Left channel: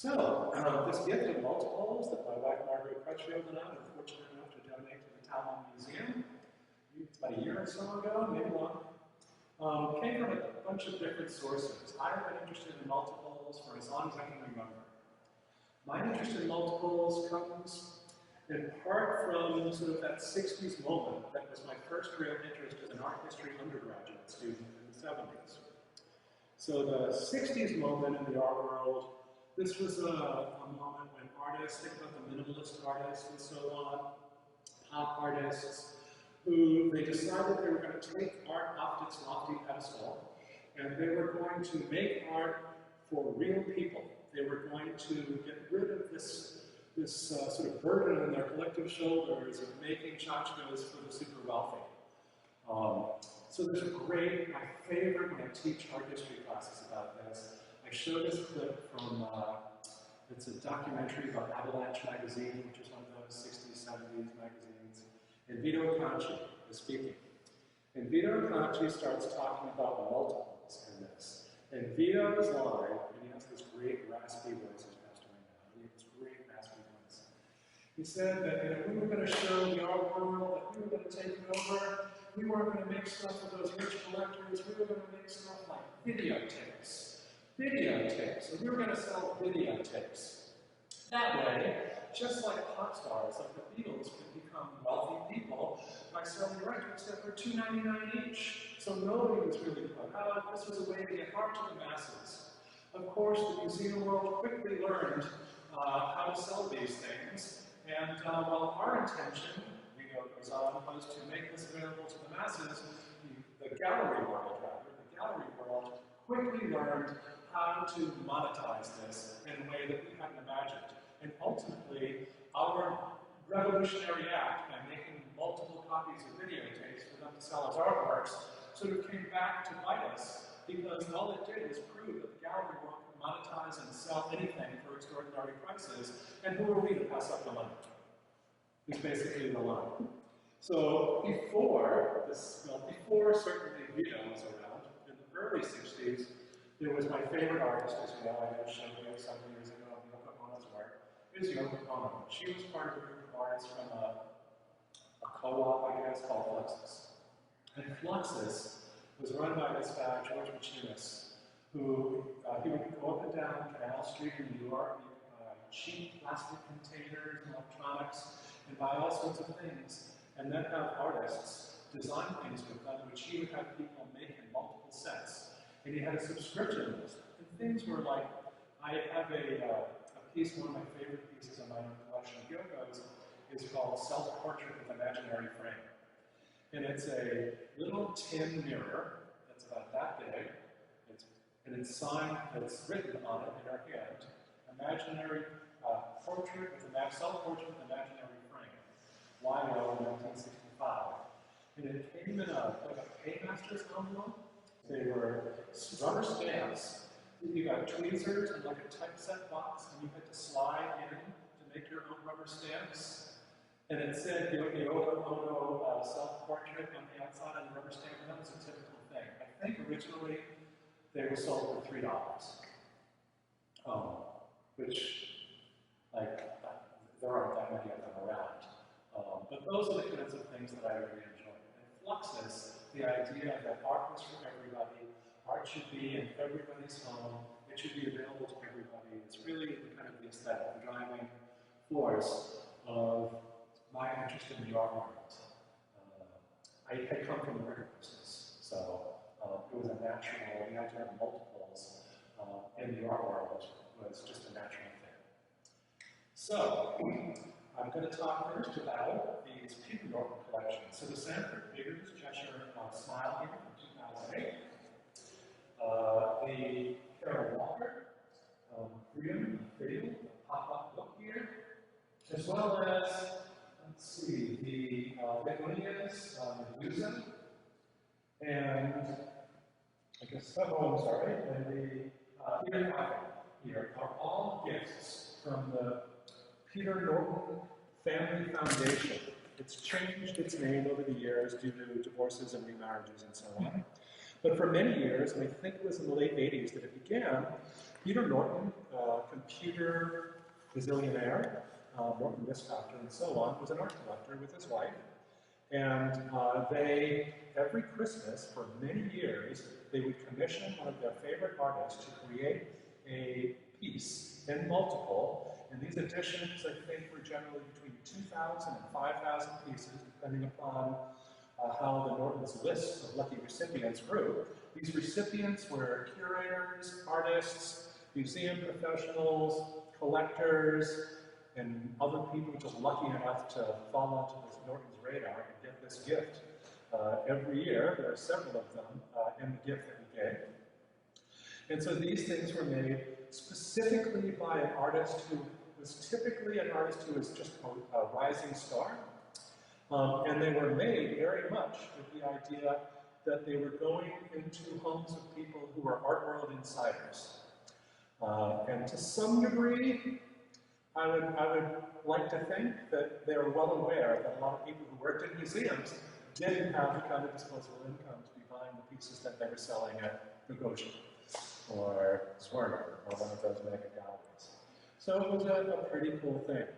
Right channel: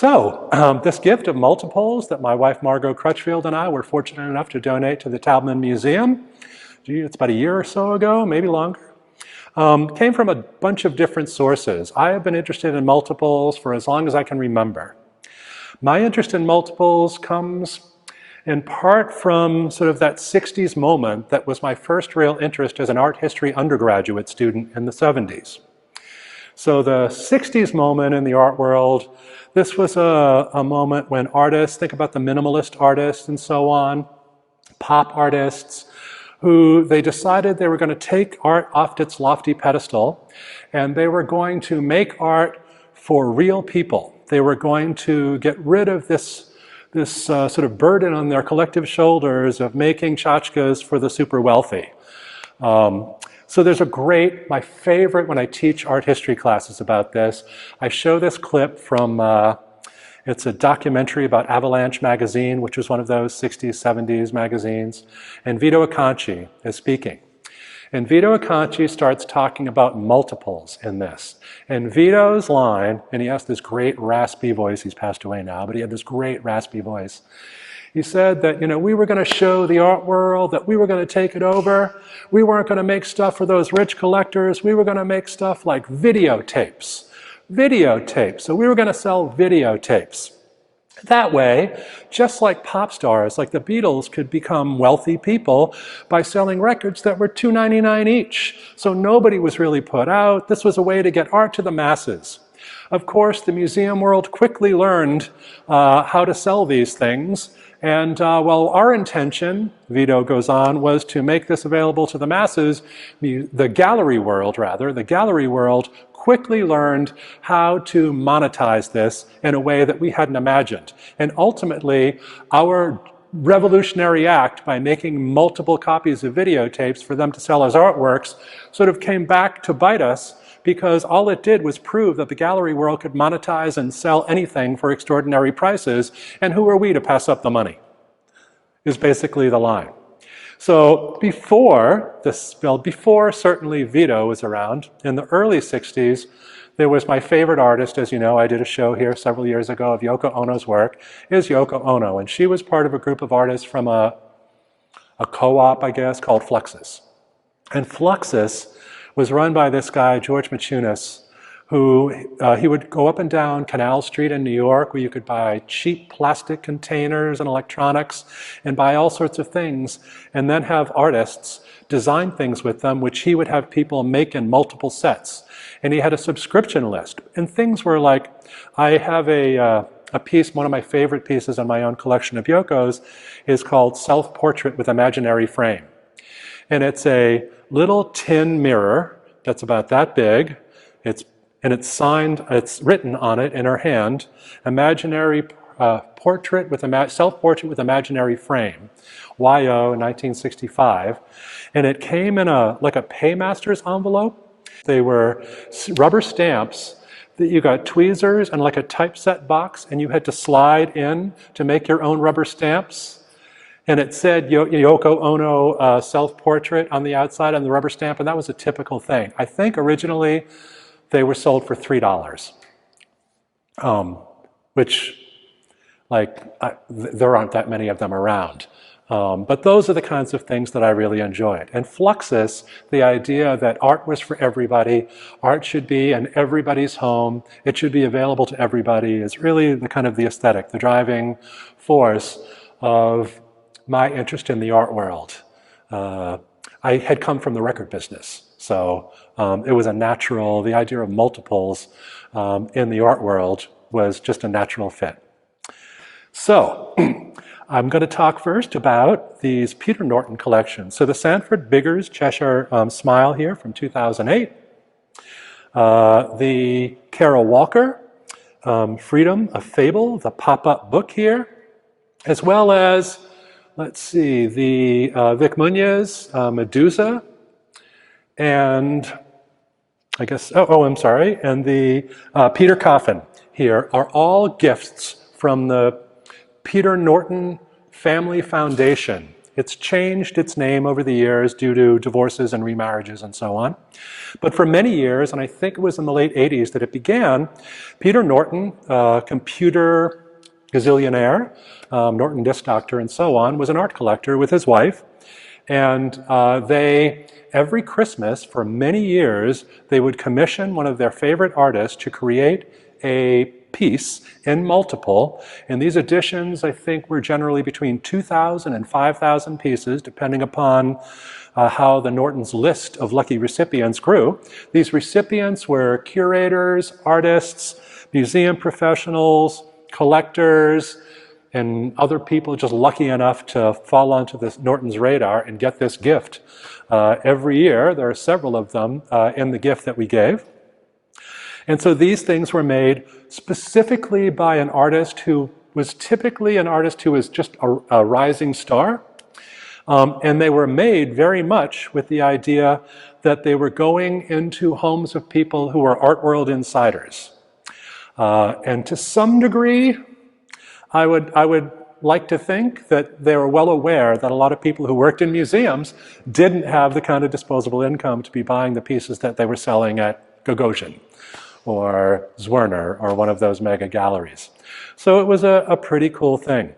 This gift of multiples that my wife Margot Crutchfield and I were fortunate enough to donate to the Taubman Museum, it's about a year or so ago, maybe longer, came from a bunch of different sources. I have been interested in multiples for as long as I can remember. My interest in multiples comes in part from sort of that 60s moment that was my first real interest as an art history undergraduate student in the 70s. So the 60s moment in the art world, this was a moment when artists, think about the minimalist artists and so on, pop artists, who they decided they were going to take art off its lofty pedestal and they were going to make art for real people. They were going to get rid of this sort of burden on their collective shoulders of making tchotchkes for the super wealthy. So there's my favorite when I teach art history classes about this, I show this clip from, it's a documentary about Avalanche magazine, which was one of those 60s, 70s magazines, and Vito Acconci is speaking. And Vito Acconci starts talking about multiples in this. And Vito's line, and he has this great raspy voice, he's passed away now, but he had this great raspy voice. He said that, we were going to show the art world, that we were going to take it over. We weren't going to make stuff for those rich collectors. We were going to make stuff like videotapes. Videotapes. So we were going to sell videotapes. That way, just like pop stars, like the Beatles, could become wealthy people by selling records that were $2.99 each. So nobody was really put out. This was a way to get art to the masses. Of course, the museum world quickly learned how to sell these things. And while our intention, Vito goes on, was to make this available to the masses, the gallery world quickly learned how to monetize this in a way that we hadn't imagined. And ultimately, our revolutionary act by making multiple copies of videotapes for them to sell as artworks sort of came back to bite us, because all it did was prove that the gallery world could monetize and sell anything for extraordinary prices, and who are we to pass up the money, is basically the line. So before certainly Vito was around, in the early 60s, there was my favorite artist, as you know, I did a show here several years ago of Yoko Ono's work, is Yoko Ono, and she was part of a group of artists from a co-op, I guess, called Fluxus. And Fluxus was run by this guy, George Machunas, who he would go up and down Canal Street in New York, where you could buy cheap plastic containers and electronics and buy all sorts of things, and then have artists design things with them, which he would have people make in multiple sets. And he had a subscription list. And things were like, I have a piece, one of my favorite pieces in my own collection of Yoko's, is called Self-Portrait with Imaginary Frame. And it's a little tin mirror that's about that big. It's signed, it's written on it in her hand, self-portrait with imaginary frame, YO 1965. And it came in like a paymaster's envelope. They were rubber stamps that you got tweezers and like a typeset box, and you had to slide in to make your own rubber stamps. And it said Yoko Ono self-portrait on the outside on the rubber stamp, and that was a typical thing. I think originally they were sold for $3, which, there aren't that many of them around. But those are the kinds of things that I really enjoyed. And Fluxus, the idea that art was for everybody, art should be in everybody's home, it should be available to everybody, is really the kind of the aesthetic, the driving force of my interest in the art world. I had come from the record business, so it was a natural, the idea of multiples in the art world was just a natural fit. So I'm going to talk first about these Peter Norton collections. So the Sanford Biggers Cheshire Smile here from 2008. The Carol Walker, Freedom, a Fable, the pop-up book here, as well as, let's see, the Vic Muñoz, Medusa, and I guess, I'm sorry, and the Peter Coffin here are all gifts from the Peter Norton Family Foundation It's changed its name over the years due to divorces and remarriages and so on. But for many years, and I think it was in the late 80s that it began, Peter Norton, computer gazillionaire, Norton disc doctor and so on, was an art collector with his wife. And every Christmas for many years, they would commission one of their favorite artists to create a piece in multiple. And these editions, I think, were generally between 2,000 and 5,000 pieces, depending upon how the Norton's list of lucky recipients grew. These recipients were curators, artists, museum professionals, collectors, and other people just lucky enough to fall onto this Norton's radar and get this gift. Every year, there are several of them in the gift that we gave. And so these things were made specifically by an artist who was typically an artist who was just a rising star. And they were made very much with the idea that they were going into homes of people who were art world insiders. And to some degree, I would like to think that they were well aware that a lot of people who worked in museums didn't have the kind of disposable income to be buying the pieces that they were selling at Gagosian or Zwirner or one of those mega galleries. So it was a pretty cool thing.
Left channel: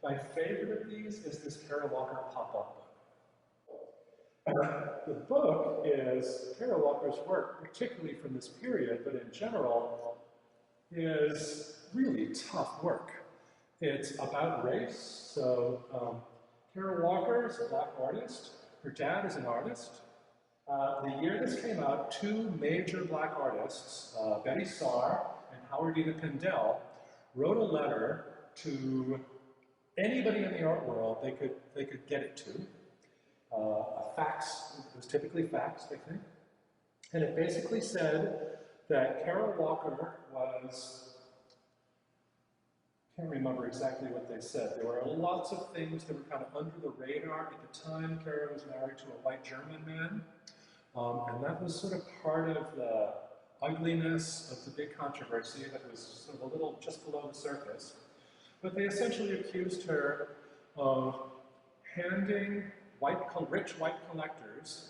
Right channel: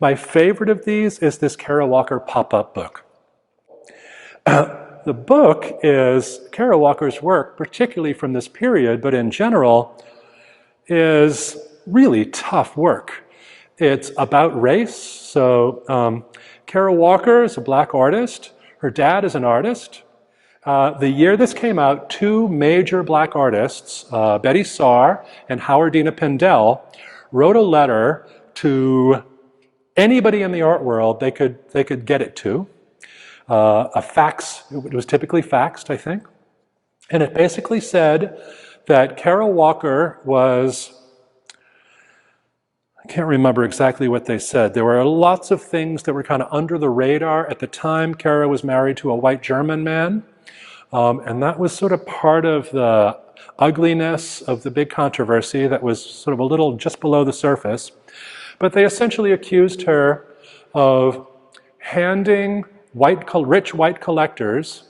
My favorite of these is this Kara Walker pop-up book. The book is Kara Walker's work, particularly from this period, but in general, is really tough work. It's about race. So Kara Walker is a black artist. Her dad is an artist. The year this came out, two major black artists, Betty Saar and Howardina Pindell, wrote a letter to anybody in the art world they could get it to. A fax, it was typically faxed, I think. And it basically said that Kara Walker was, I can't remember exactly what they said. There were lots of things that were kind of under the radar. At the time, Kara was married to a white German man. And that was sort of part of the ugliness of the big controversy that was sort of a little just below the surface. But they essentially accused her of handing rich white collectors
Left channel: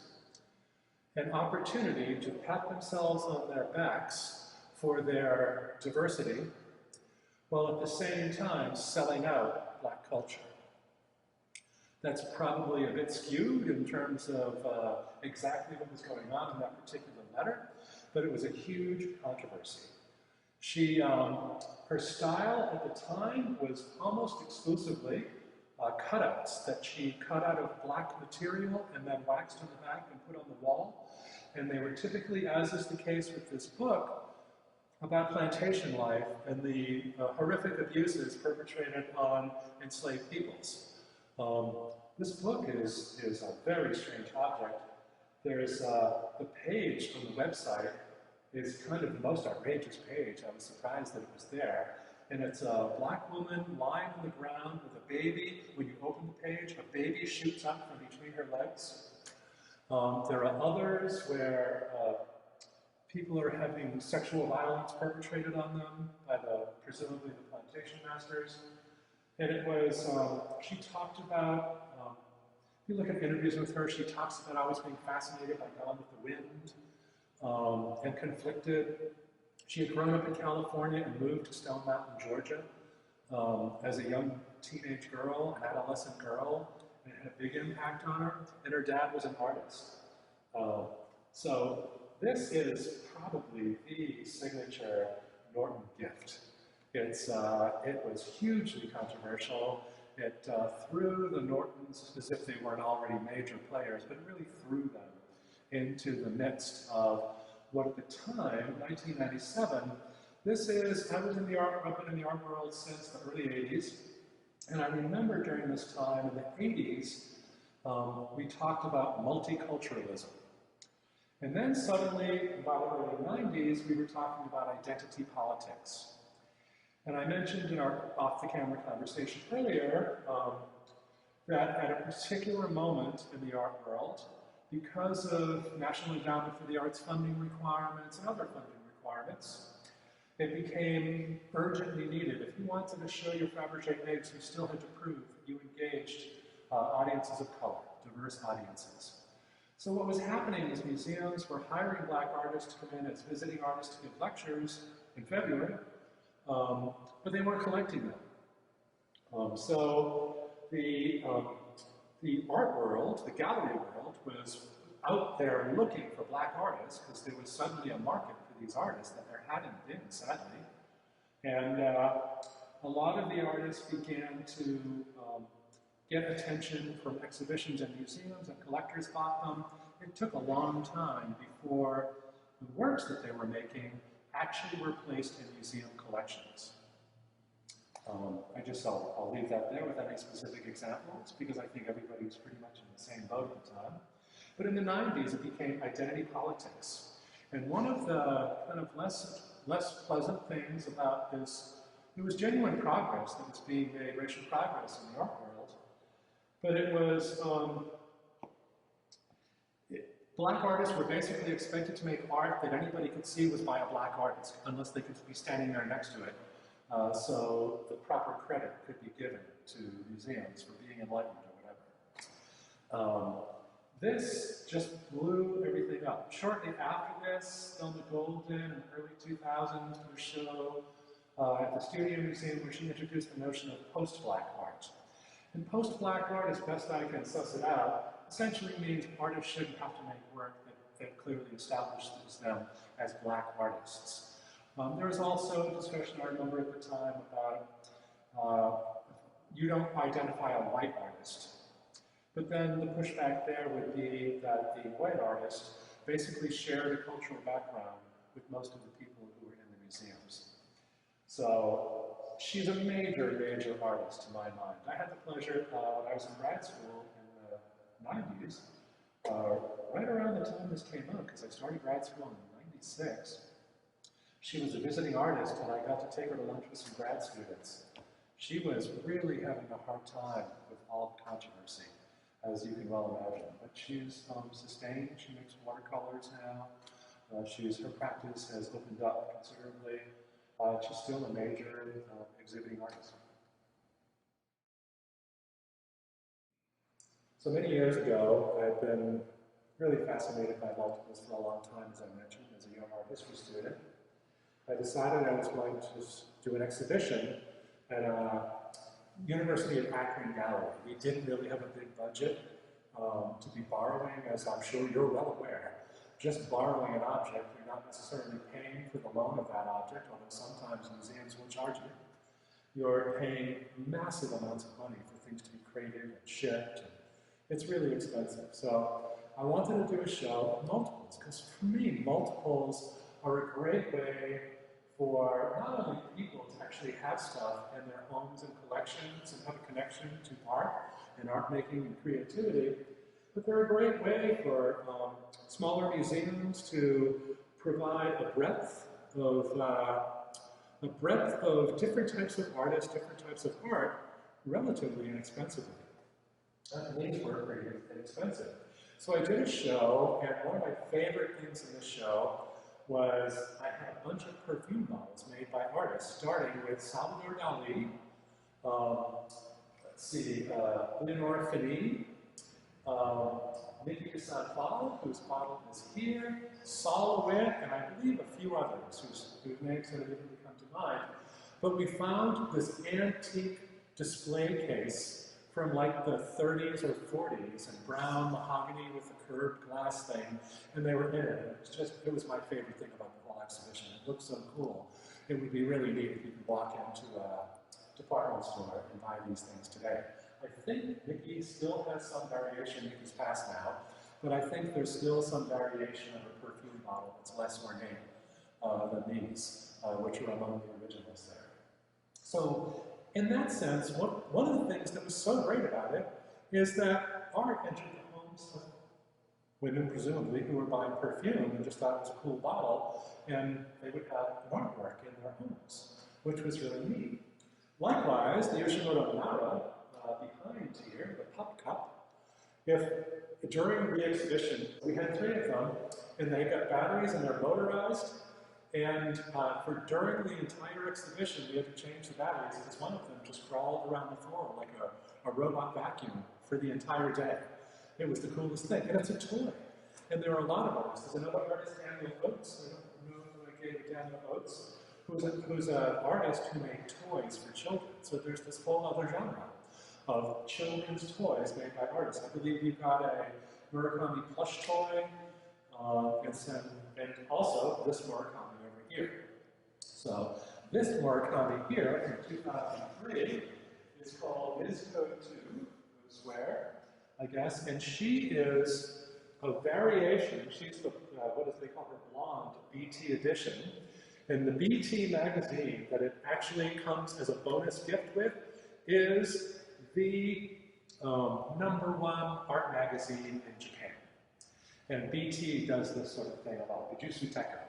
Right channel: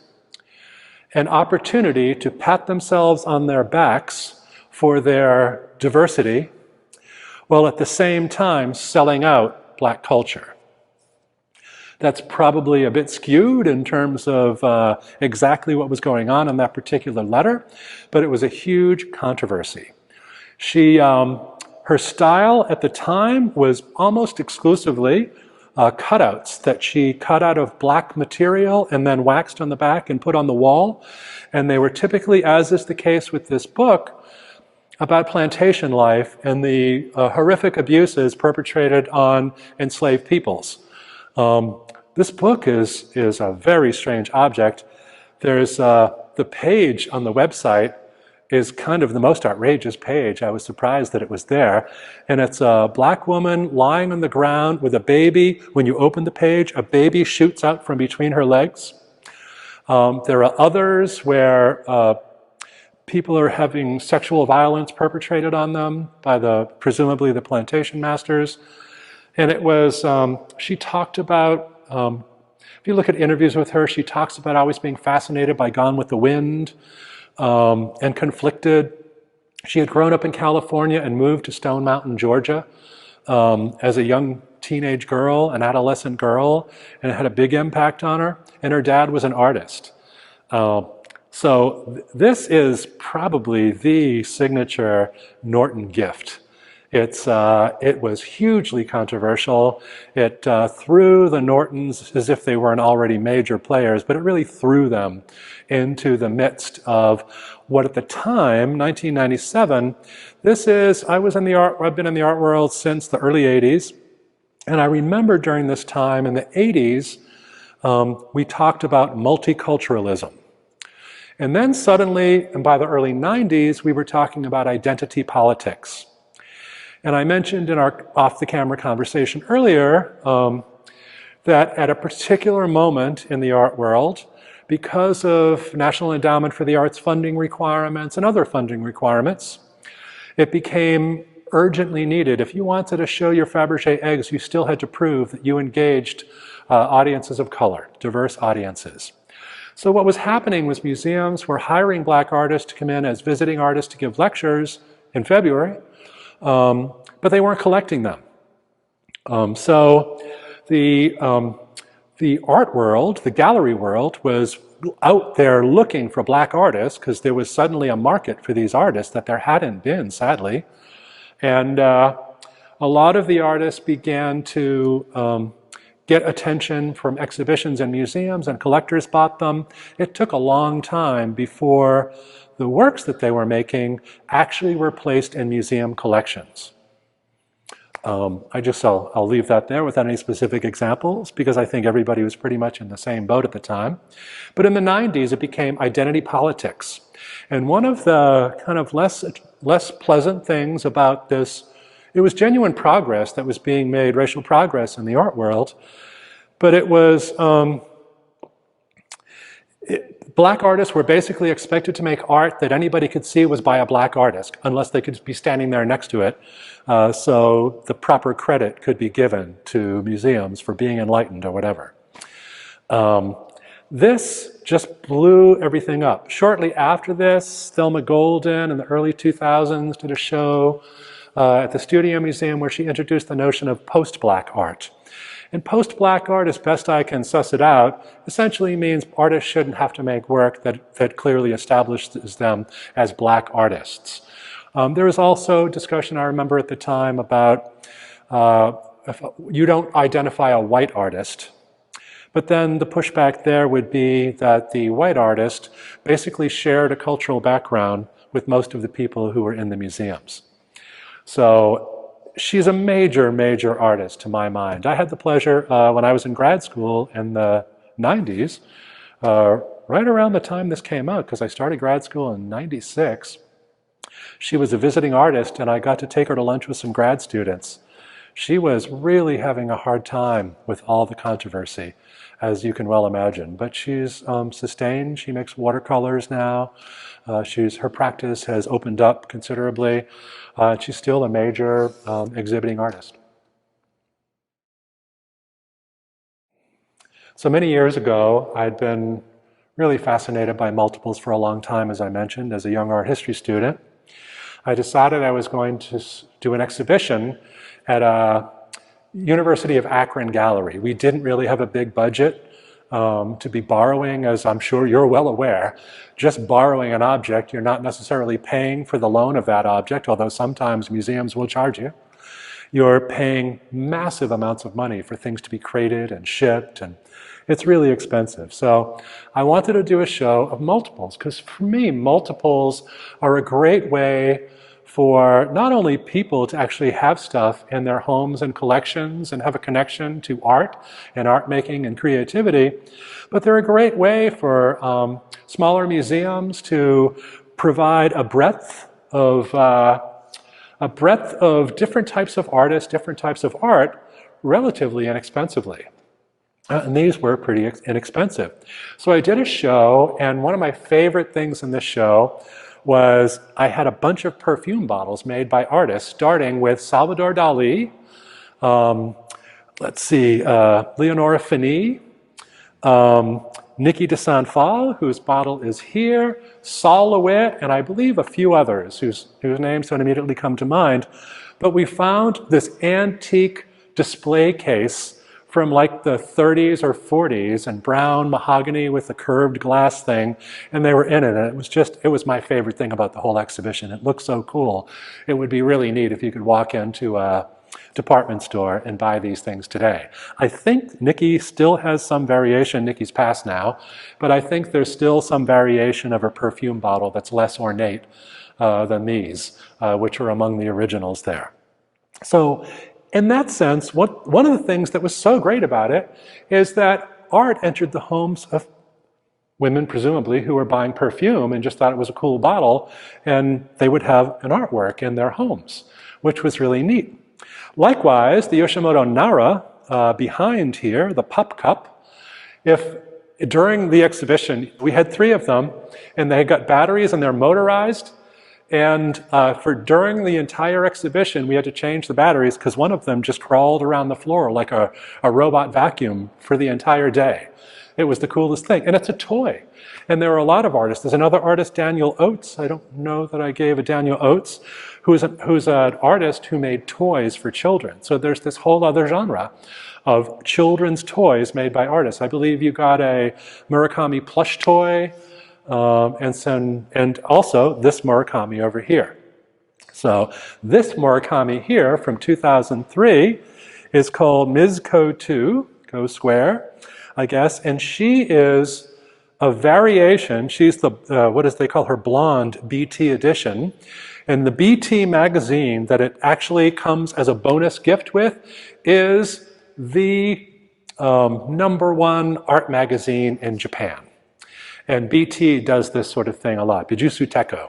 an opportunity to pat themselves on their backs for their diversity, while at the same time selling out black culture. That's probably a bit skewed in terms of exactly what was going on in that particular letter, but it was a huge controversy. Her style at the time was almost exclusively cutouts that she cut out of black material and then waxed on the back and put on the wall. And they were typically, as is the case with this book, about plantation life and the horrific abuses perpetrated on enslaved peoples. This book is a very strange object. There's the page on the website is kind of the most outrageous page. I was surprised that it was there. And it's a black woman lying on the ground with a baby. When you open the page, a baby shoots out from between her legs. There are others where people are having sexual violence perpetrated on them by presumably the plantation masters. And it was, she talked about, if you look at interviews with her, she talks about always being fascinated by Gone with the Wind and conflicted. She had grown up in California and moved to Stone Mountain, Georgia as a young teenage girl, an adolescent girl, and it had a big impact on her. And her dad was an artist. So this is probably the signature Norton gift. It was hugely controversial. It threw the Nortons as if they weren't already major players, but it really threw them into the midst of what at the time, 1997, I've been in the art world since the early 80s. And I remember during this time in the 80s, we talked about multiculturalism. And then suddenly, and by the early 90s, we were talking about identity politics. And I mentioned in our off-the-camera conversation earlier that at a particular moment in the art world, because of National Endowment for the Arts funding requirements and other funding requirements, it became urgently needed. If you wanted to show your Fabergé eggs, you still had to prove that you engaged audiences of color, diverse audiences. So what was happening was museums were hiring black artists to come in as visiting artists to give lectures in February, but they weren't collecting them. So the art world, the gallery world, was out there looking for black artists because there was suddenly a market for these artists that there hadn't been, sadly. And a lot of the artists began to get attention from exhibitions and museums, and collectors bought them. It took a long time before the works that they were making actually were placed in museum collections. I'll leave that there without any specific examples because I think everybody was pretty much in the same boat at the time. But in the 90s, it became identity politics. And one of the kind of less pleasant things about this, it was genuine progress that was being made, racial progress in the art world, but it was, black artists were basically expected to make art that anybody could see was by a black artist, unless they could be standing there next to it. So the proper credit could be given to museums for being enlightened or whatever. This just blew everything up. Shortly after this, Thelma Golden in the early 2000s did a show at the Studio Museum where she introduced the notion of post-black art. And post-black art, as best I can suss it out, essentially means artists shouldn't have to make work that clearly establishes them as black artists. There was also discussion, I remember at the time, about if you don't identify a white artist. But then the pushback there would be that the white artist basically shared a cultural background with most of the people who were in the museums. So she's a major, major artist to my mind. I had the pleasure when I was in grad school in the 90s, right around the time this came out, because I started grad school in 96. She was a visiting artist and I got to take her to lunch with some grad students. She was really having a hard time with all the controversy, as you can well imagine. But she's sustained. She makes watercolors now. Her practice has opened up considerably. She's still a major exhibiting artist. So many years ago, I'd been really fascinated by multiples for a long time, as I mentioned, as a young art history student. I decided I was going to do an exhibition at a University of Akron gallery. We didn't really have a big budget to be borrowing, as I'm sure you're well aware. Just borrowing an object, you're not necessarily paying for the loan of that object, although sometimes museums will charge you. You're paying massive amounts of money for things to be crated and shipped, and it's really expensive. So I wanted to do a show of multiples, because for me, multiples are a great way for not only people to actually have stuff in their homes and collections and have a connection to art and art making and creativity, but they're a great way for smaller museums to provide a breadth of different types of artists, different types of art, relatively inexpensively. And these were pretty inexpensive. So I did a show, and one of my favorite things in this show was I had a bunch of perfume bottles made by artists, starting with Salvador Dali, Leonora Fini, Niki de Sanford, whose bottle is here, Sol LeWitt, and I believe a few others whose names don't immediately come to mind. But we found this antique display case from like the 30s or 40s, and brown mahogany with the curved glass thing, and they were in it. And it was my favorite thing about the whole exhibition. It looked so cool. It would be really neat if you could walk into a department store and buy these things today. I think Niki still has some variation. Niki's passed now, but I think there's still some variation of her perfume bottle that's less ornate than these, which are among the originals there. So in that sense, one of the things that was so great about it is that art entered the homes of women, presumably, who were buying perfume and just thought it was a cool bottle, and they would have an artwork in their homes, which was really neat. Likewise, the Yoshitomo Nara behind here, the Pup Cup, during the exhibition, we had 3 of them, and they got batteries and they're motorized. And during the entire exhibition, we had to change the batteries because one of them just crawled around the floor like a robot vacuum for the entire day. It was the coolest thing. And it's a toy. And there are a lot of artists. There's another artist, Daniel Oates. I don't know that I gave a Daniel Oates, who's an artist who made toys for children. So there's this whole other genre of children's toys made by artists. I believe you got a Murakami plush toy, and also this Murakami over here. So this Murakami here from 2003 is called Ms. Ko 2, Go Square, I guess, and she is a variation. She's the, what does they call her, blonde BT edition. And the BT magazine that it actually comes as a bonus gift with is the #1 art magazine in Japan. And BT does this sort of thing a lot, Bijutsu Teko.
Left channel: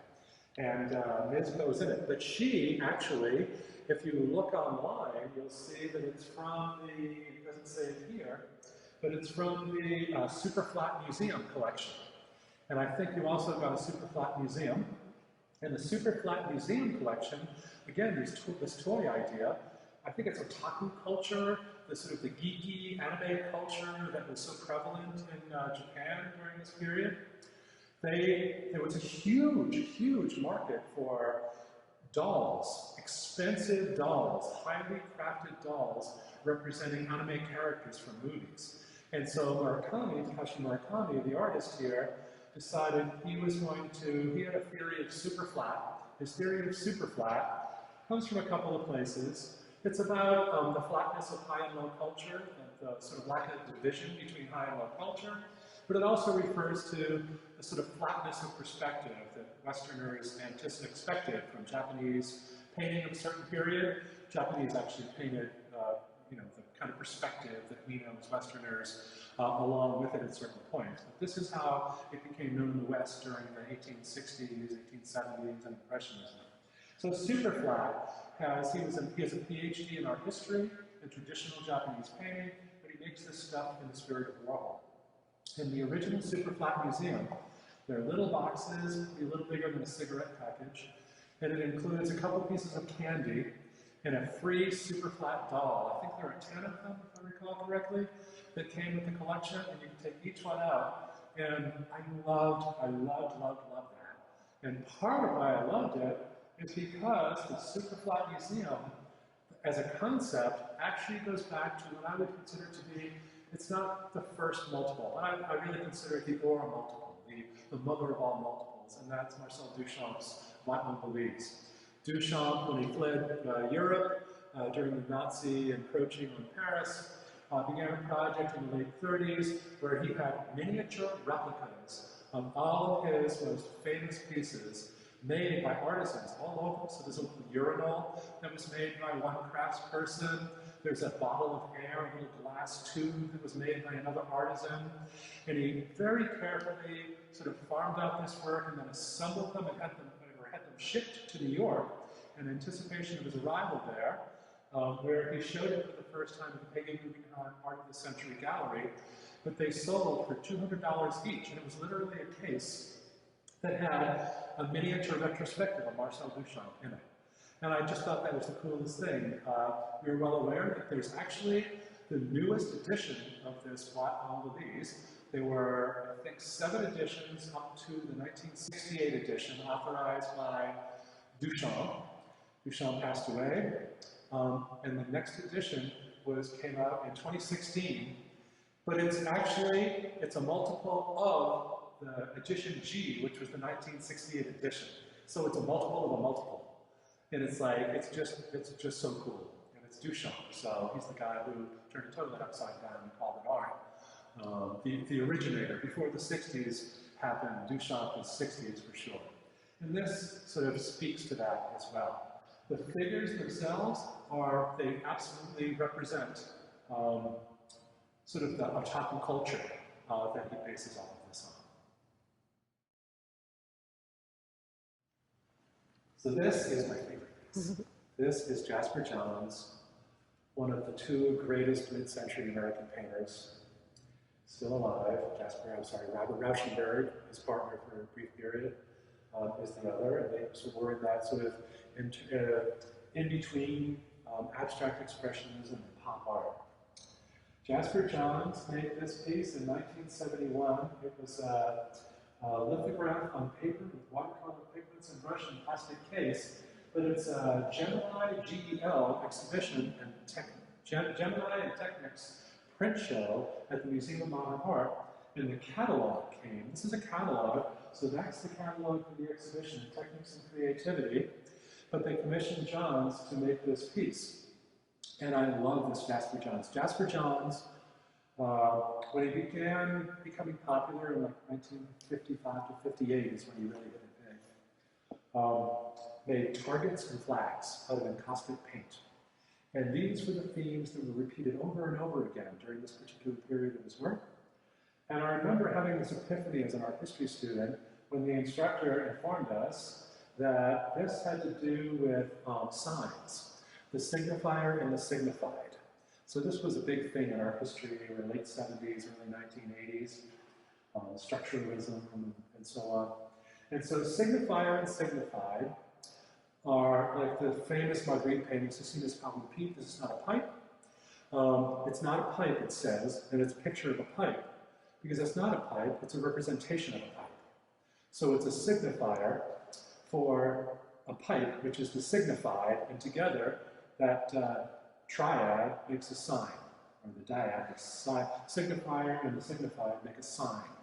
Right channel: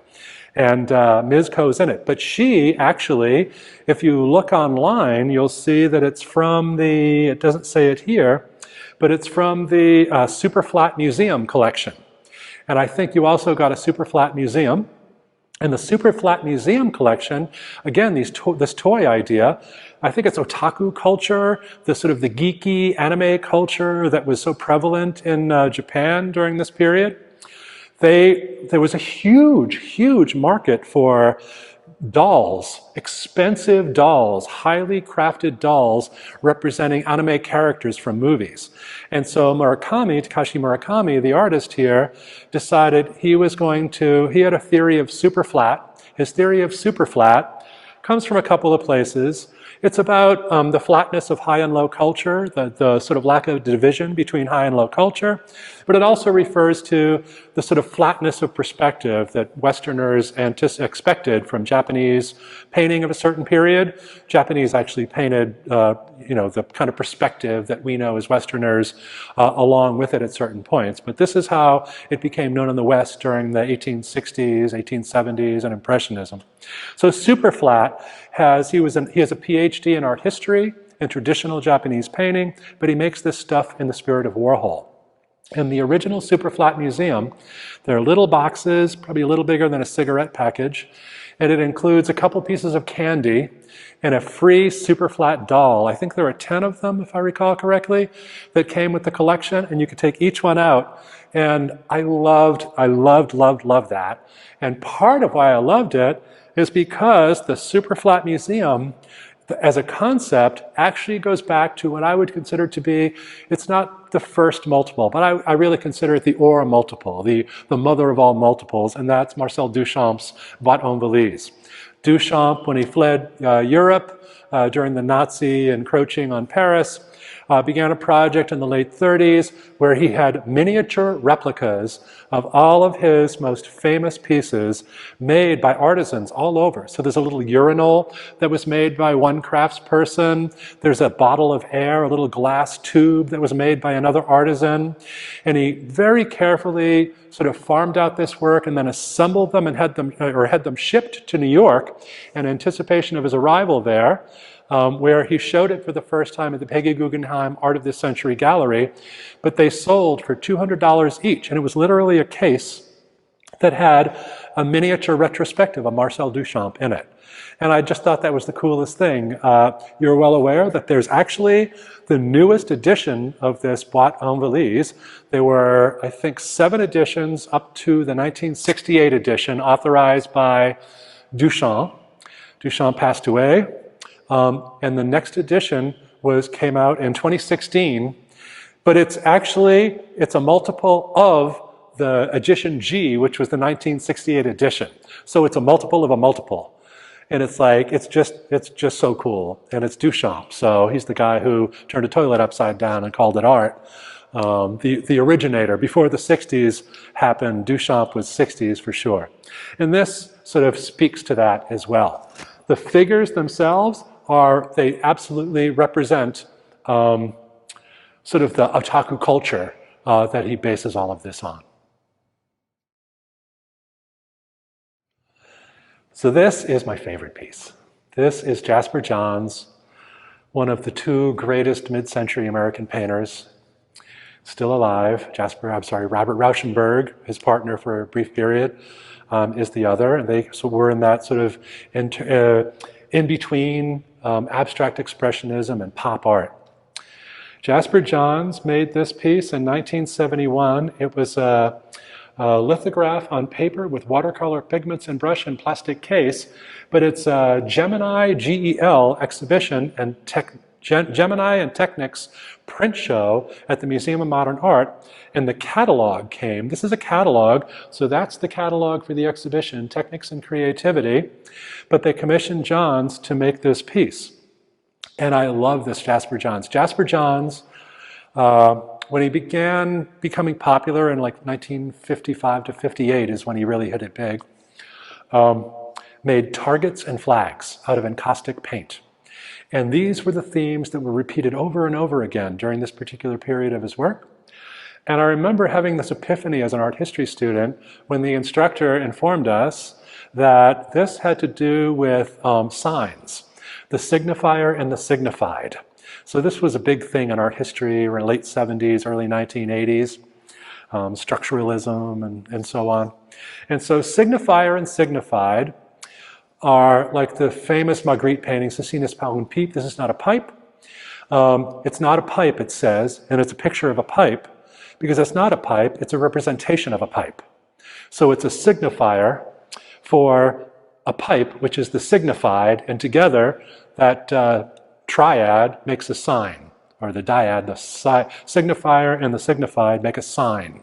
And Ms. Ko's in it. But she actually, if you look online, you'll see that it's from the, it doesn't say it here, but it's from the Superflat Museum collection. And I think you also got a Superflat Museum. And the Superflat Museum collection, again, this toy idea, I think it's otaku culture, the sort of the geeky anime culture that was so prevalent in Japan during this period. There was a huge, huge market for dolls, expensive dolls, highly crafted dolls representing anime characters from movies. And so Murakami, Takashi Murakami, the artist here, decided he was going to, he had a theory of superflat. His theory of superflat comes from a couple of places. It's about the flatness of high and low culture, the sort of lack of division between high and low culture, but it also refers to the sort of flatness of perspective that Westerners expected from Japanese painting of a certain period. Japanese actually painted, the kind of perspective that we know as Westerners along with it at certain points. But this is how it became known in the West during the 1860s, 1870s, and Impressionism. So Superflat he has a PhD in art history and traditional Japanese painting, but he makes this stuff in the spirit of Warhol. In the original Superflat Museum, there are little boxes, probably a little bigger than a cigarette package, and it includes a couple pieces of candy and a free Superflat doll. I think there are 10 of them, if I recall correctly, that came with the collection, and you could take each one out. And I loved that. And part of why I loved it is because the Superflat Museum, as a concept, actually goes back to what I would consider to be, it's not the first multiple, but I really consider it the aura multiple, the mother of all multiples, and that's Marcel Duchamp's Boîte en Valise. Duchamp, when he fled Europe during the Nazi encroaching on Paris, began a project in the late 30s where he had miniature replicas of all of his most famous pieces made by artisans all over. So there's a little urinal that was made by one craftsperson. There's a bottle of air, a little glass tube that was made by another artisan. And he very carefully sort of farmed out this work and then assembled them and had them shipped to New York in anticipation of his arrival there. Where he showed it for the first time at the Peggy Guggenheim Art of this Century Gallery, but they sold for $200 each, and it was literally a case that had a miniature retrospective of Marcel Duchamp in it. And I just thought that was the coolest thing. You're well aware that there's actually the newest edition of this Boîte en Valise. There were, I think, 7 editions up to the 1968 edition authorized by Duchamp. Duchamp passed away. And the next edition came out in 2016, but it's a multiple of the edition G, which was the 1968 edition. So it's a multiple of a multiple. And it's just so cool. And it's Duchamp. So he's the guy who turned a toilet upside down and called it art. The originator. Before the 60s happened, Duchamp was 60s for sure. And this sort of speaks to that as well. The figures themselves they absolutely represent sort of the otaku culture that he bases all of this on. So this is my favorite piece. This is Jasper Johns, one of the 2 greatest mid-century American painters, still alive. Robert Rauschenberg, his partner for a brief period, is the other. And they were in that sort of in between abstract expressionism and pop art. Jasper Johns made this piece in 1971. It was a lithograph on paper with watercolor pigments and brush and plastic case, but it's a Gemini GEL exhibition and Gemini and Technics print show at the Museum of Modern Art, and the catalog came. This is a catalog, so that's the catalog for the exhibition, Technics and Creativity, but they commissioned Johns to make this piece. And I love this Jasper Johns. Jasper Johns, when he began becoming popular in like 1955 to 58 is when he really hit it big, made targets and flags out of encaustic paint. And these were the themes that were repeated over and over again during this particular period of his work. And I remember having this epiphany as an art history student when the instructor informed us that this had to do with signs, the signifier and the signified. So this was a big thing in art history in the late 70s, early 1980s, structuralism and so on. And so signifier and signified are like the famous Magritte painting, Ceci n'est pas une pipe, this is not a pipe. It's not a pipe, it says, and it's a picture of a pipe, because it's not a pipe, it's a representation of a pipe. So it's a signifier for a pipe, which is the signified, and together that triad makes a sign, or the dyad, the signifier and the signified make a sign.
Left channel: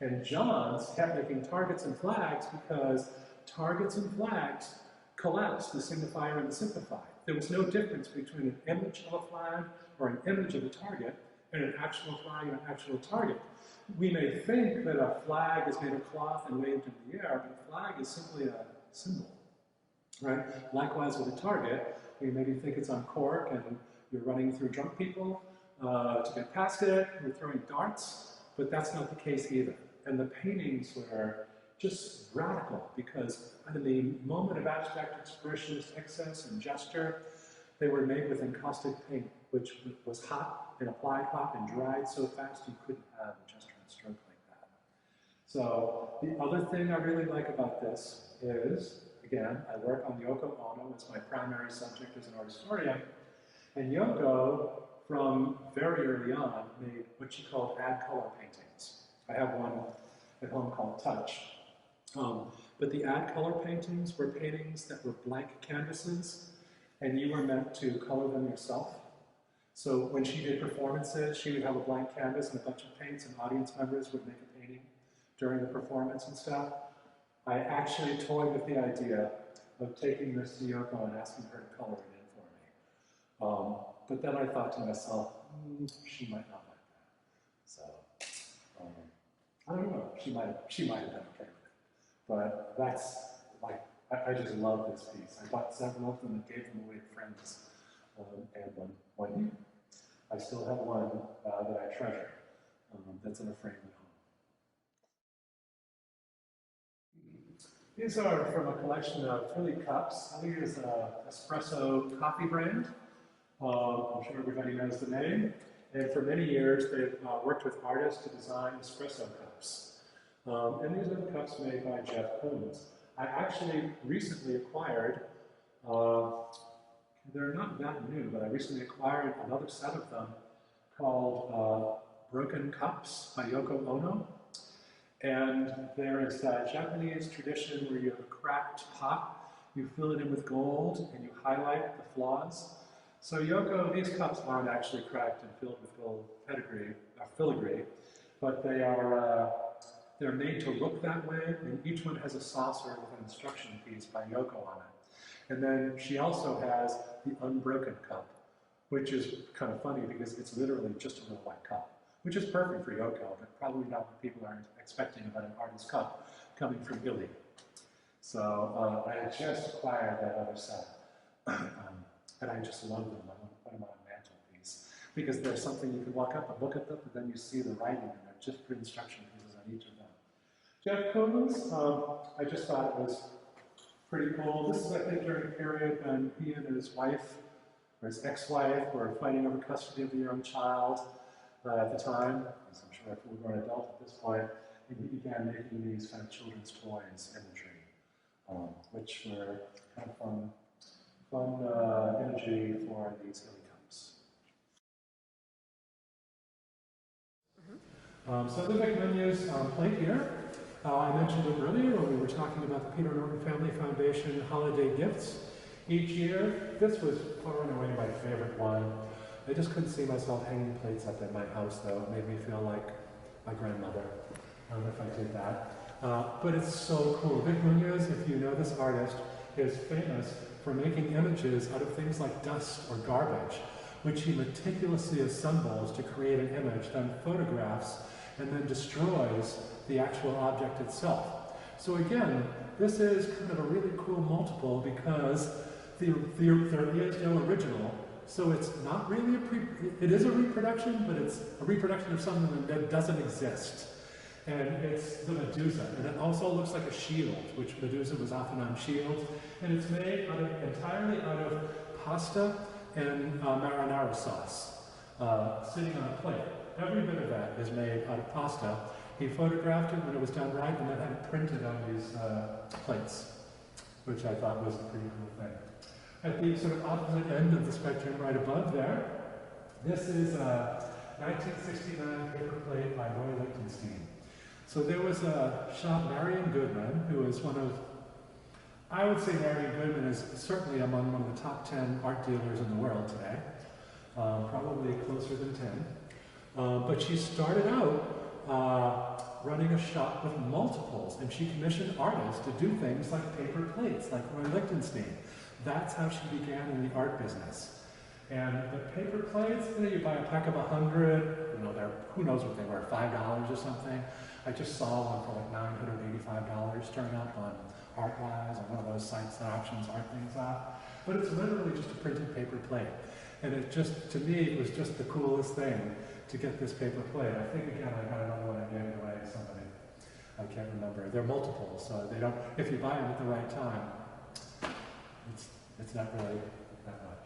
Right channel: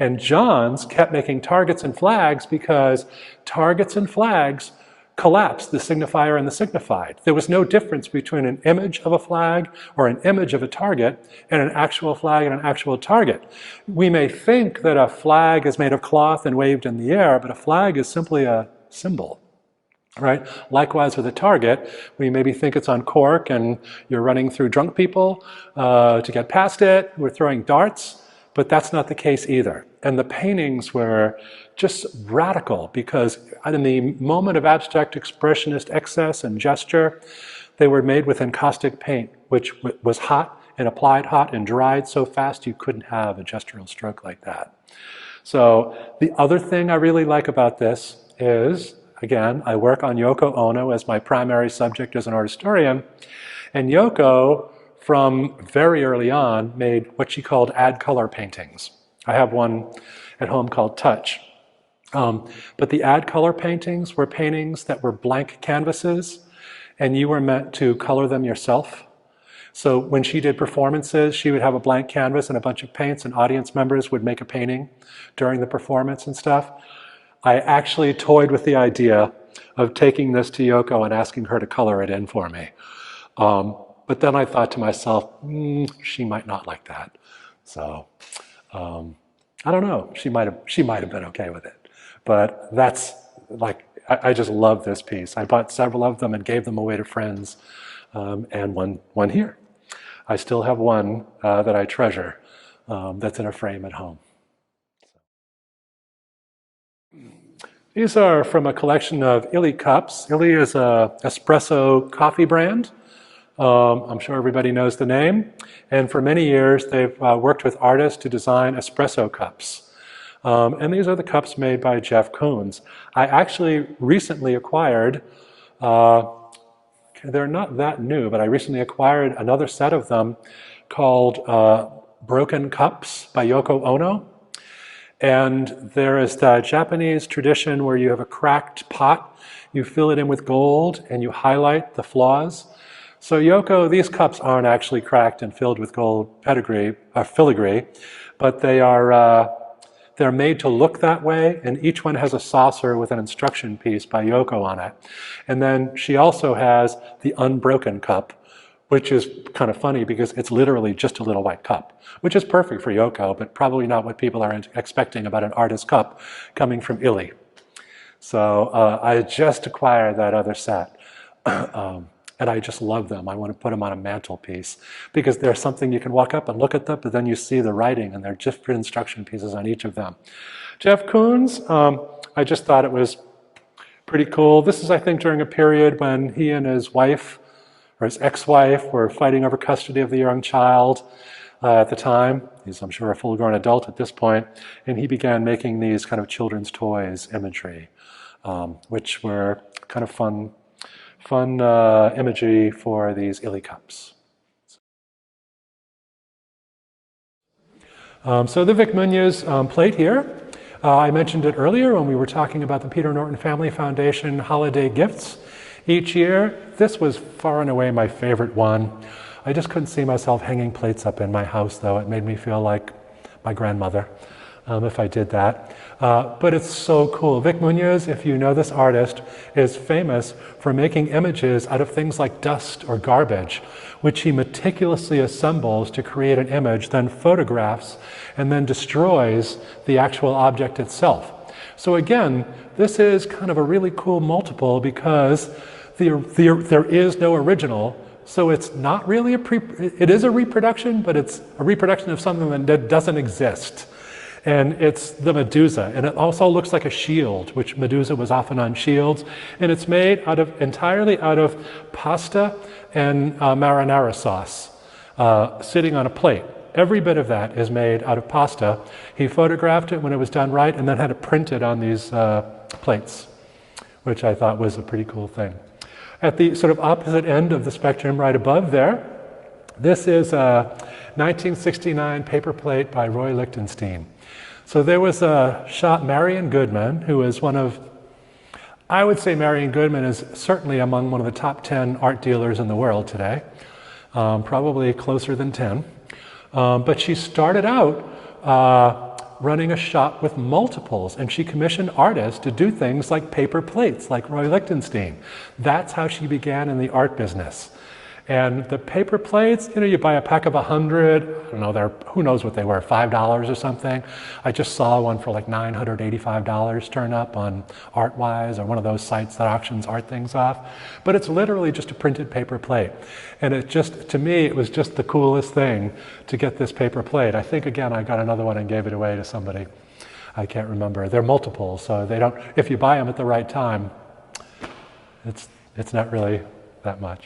And Johns kept making targets and flags because targets and flags collapsed the signifier and the signified. There was no difference between an image of a flag or an image of a target and an actual flag and an actual target. We may think that a flag is made of cloth and waved in the air, but a flag is simply a symbol. Right? Likewise with a target, we maybe think it's on cork and you're running through drunk people to get past it, we're throwing darts, but that's not the case either. And the paintings were just radical because in the moment of abstract expressionist excess and gesture, they were made with encaustic paint, which was hot and applied hot and dried so fast you couldn't have a gestural stroke like that. So the other thing I really like about this is, again, I work on Yoko Ono as my primary subject as an art historian, and Yoko, from very early on, made what she called add color paintings. I have one at home called Touch. But the add color paintings were paintings that were blank canvases, and you were meant to color them yourself. So when she did performances, she would have a blank canvas and a bunch of paints, and audience members would make a painting during the performance and stuff. I actually toyed with the idea of taking this to Yoko and asking her to color it in for me. But then I thought to myself, she might not like that. So I don't know, she might have been okay with it. But that's like, I just love this piece. I bought several of them and gave them away to friends, and one here. I still have one that I treasure that's in a frame at home. These are from a collection of Illy cups. Illy is an espresso coffee brand. I'm sure everybody knows the name. And for many years, they've worked with artists to design espresso cups. And these are the cups made by Jeff Koons. I actually recently acquired, they're not that new, but I recently acquired another set of them called Broken Cups by Yoko Ono. And there is the Japanese tradition where you have a cracked pot, you fill it in with gold, and you highlight the flaws. So Yoko, these cups aren't actually cracked and filled with gold filigree, but they're made to look that way, and each one has a saucer with an instruction piece by Yoko on it. And then she also has the unbroken cup, which is kind of funny because it's literally just a little white cup, which is perfect for Yoko, but probably not what people are expecting about an artist cup coming from Illy. So I just acquired that other set. And I just love them. I want to put them on a mantelpiece because they're something you can walk up and look at them, but then you see the writing and there are different instruction pieces on each of them. Jeff Koons, I just thought it was pretty cool. This is, I think, during a period when he and his wife, or his ex-wife, were fighting over custody of the young child. at the time. He's, I'm sure, a full-grown adult at this point, and he began making these kind of children's toys imagery, which were kind of fun imagery for these illy cups. So the Vic Munoz plate here, I mentioned it earlier when we were talking about the Peter Norton Family Foundation holiday gifts each year. This was far and away my favorite one. I just couldn't see myself hanging plates up in my house, though. It made me feel like my grandmother if I did that. But it's so cool. Vic Munoz, if you know this artist, is famous for making images out of things like dust or garbage, which he meticulously assembles to create an image, then photographs, and then destroys the actual object itself. So again, this is kind of a really cool multiple because there is no original, so it's not really it is a reproduction, but it's a reproduction of something that doesn't exist. And it's the Medusa, and it also looks like a shield, which Medusa was often on shields, and it's made entirely out of pasta and marinara sauce, sitting on a plate. Every bit of that is made out of pasta. He photographed it when it was done right, and then had it printed on these plates, which I thought was a pretty cool thing. At the sort of opposite end of the spectrum, right above there, this is a 1969 paper plate by Roy Lichtenstein. So there was a shop, Marion Goodman, who is one of, I would say Marion Goodman is certainly among one of the top 10 art dealers in the world today, probably closer than 10. But she started out running a shop with multiples, and she commissioned artists to do things like paper plates, like Roy Lichtenstein. That's how she began in the art business. And the paper plates, you know, you buy a pack of 100, I don't know, who knows what they were, $5 or something. I just saw one for like $985 turn up on ArtWise or one of those sites that auctions art things off. But it's literally just a printed paper plate. And it just, to me, it was just the coolest thing to get this paper plate. I think, again, I got another one and gave it away to somebody. I can't remember. They're multiples, so they don't, if you buy them at the right time, it's not really that much.